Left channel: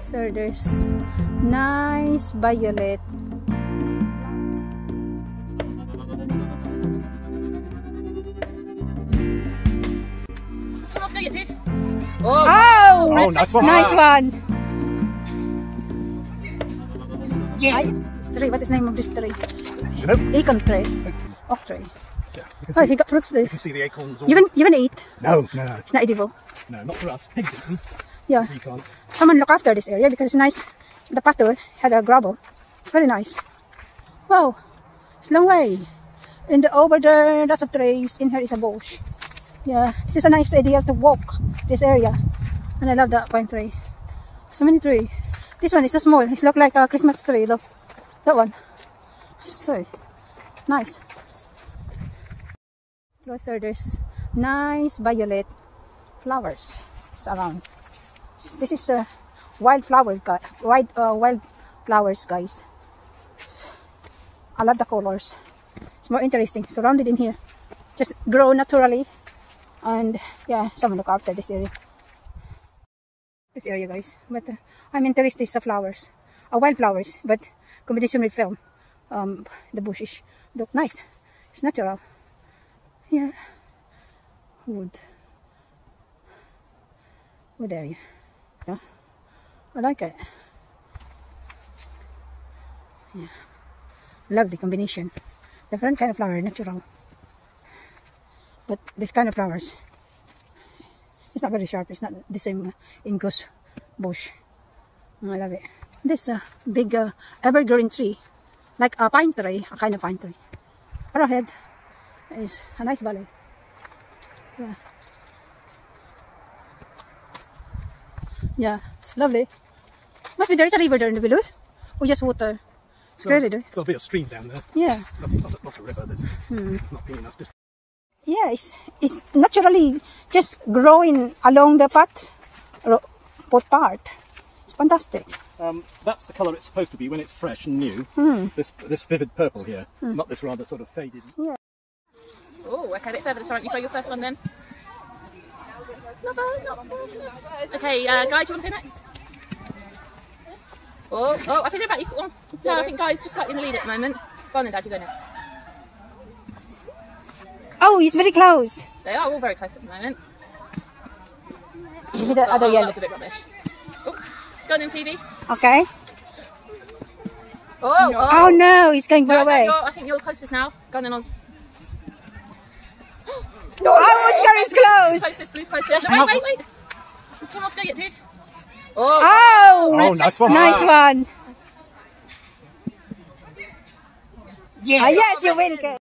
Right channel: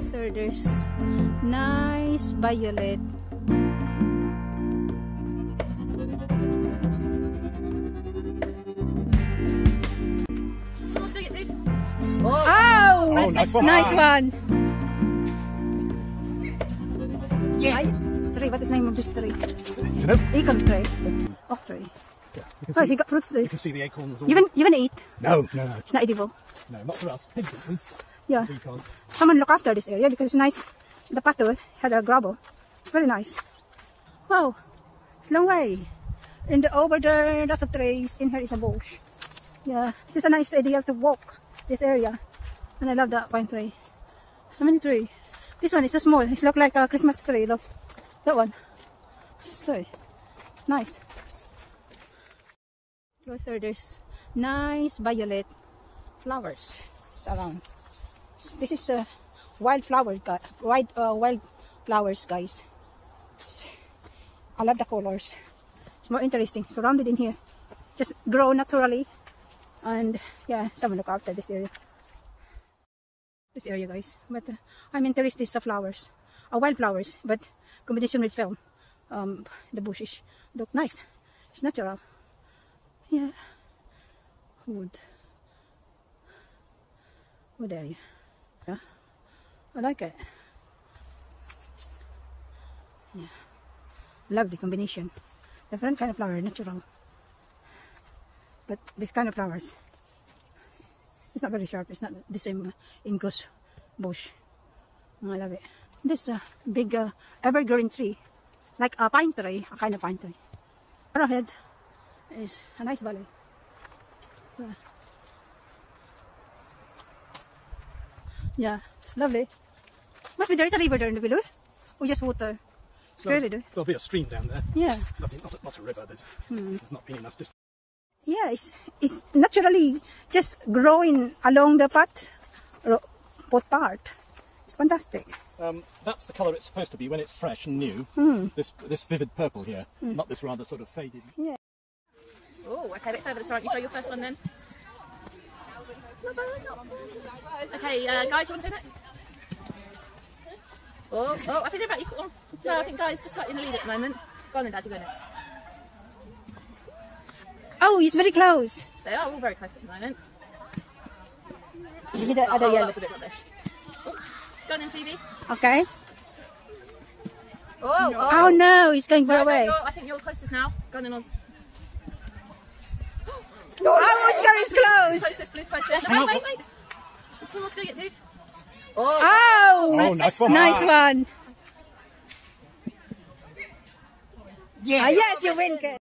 So there's nice violet. Let's go get dude. Oh, nice one. Nice one. Yeah. Tree, what is the name of this tree? Should've? Acorn tree. Oak tree. Yeah, Oh, they got fruits there. you can see the acorns. All You can eat. No. It's not edible. No, not for us. Pigs eat them. Yeah. We can't. Someone look after this area because it's nice. The pato had a gravel. It's very nice. Wow, it's a long way. And over there, lots of trees. In here is a bush. Yeah, this is a nice idea to walk this area. And I love that pine tree. So many trees. This one is so small. It looks like a Christmas tree. Look, that one. So nice. Closer, there's nice violet flowers around. This is a wild flowers, guys. I love the colors. It's more interesting. Surrounded in here, just grow naturally, and yeah, someone look after this area. This area, guys. But I'm interested in flowers, wild flowers, but combination with film. The bushes look nice. It's natural. Yeah, wood area. Yeah, I like it. Yeah, love the combination. Different kind of flower, natural. But this kind of flowers, it's not very sharp. It's not the same Ingus bush. I love it. This big evergreen tree, like a pine tree, a kind of pine tree. Ahead is a nice valley. Yeah. Yeah, it's lovely. Must be there's a river there in the below. Or just water. It's clearly there. There'll be a stream down there. Yeah. Not a river. It's not big enough. Just. Yeah, it's naturally just growing along the path part. It's fantastic. That's the colour it's supposed to be when it's fresh and new. This vivid purple here, not this rather sort of faded. Yeah. Oh, okay, let's have it. Sorry, you play your first one then. Not bad, not bad. Okay, Guy, do you want to go next? Oh, I think they're about equal. No, I think Guy's just slightly in the lead at the moment. Go on then, Dad, you go next. Oh, he's very close. They are all very close at the moment. You did the other yellow. That's a bit rubbish. Oh, go on then, Phoebe. Okay. Oh no, he's going far away. I think you're the closest now. Go on then, Oz. No, Oscar is close. Blue's closest. No, wait. There's two more to go get, dude. Oh, nice one. Nice one. Yeah. Yes, you win.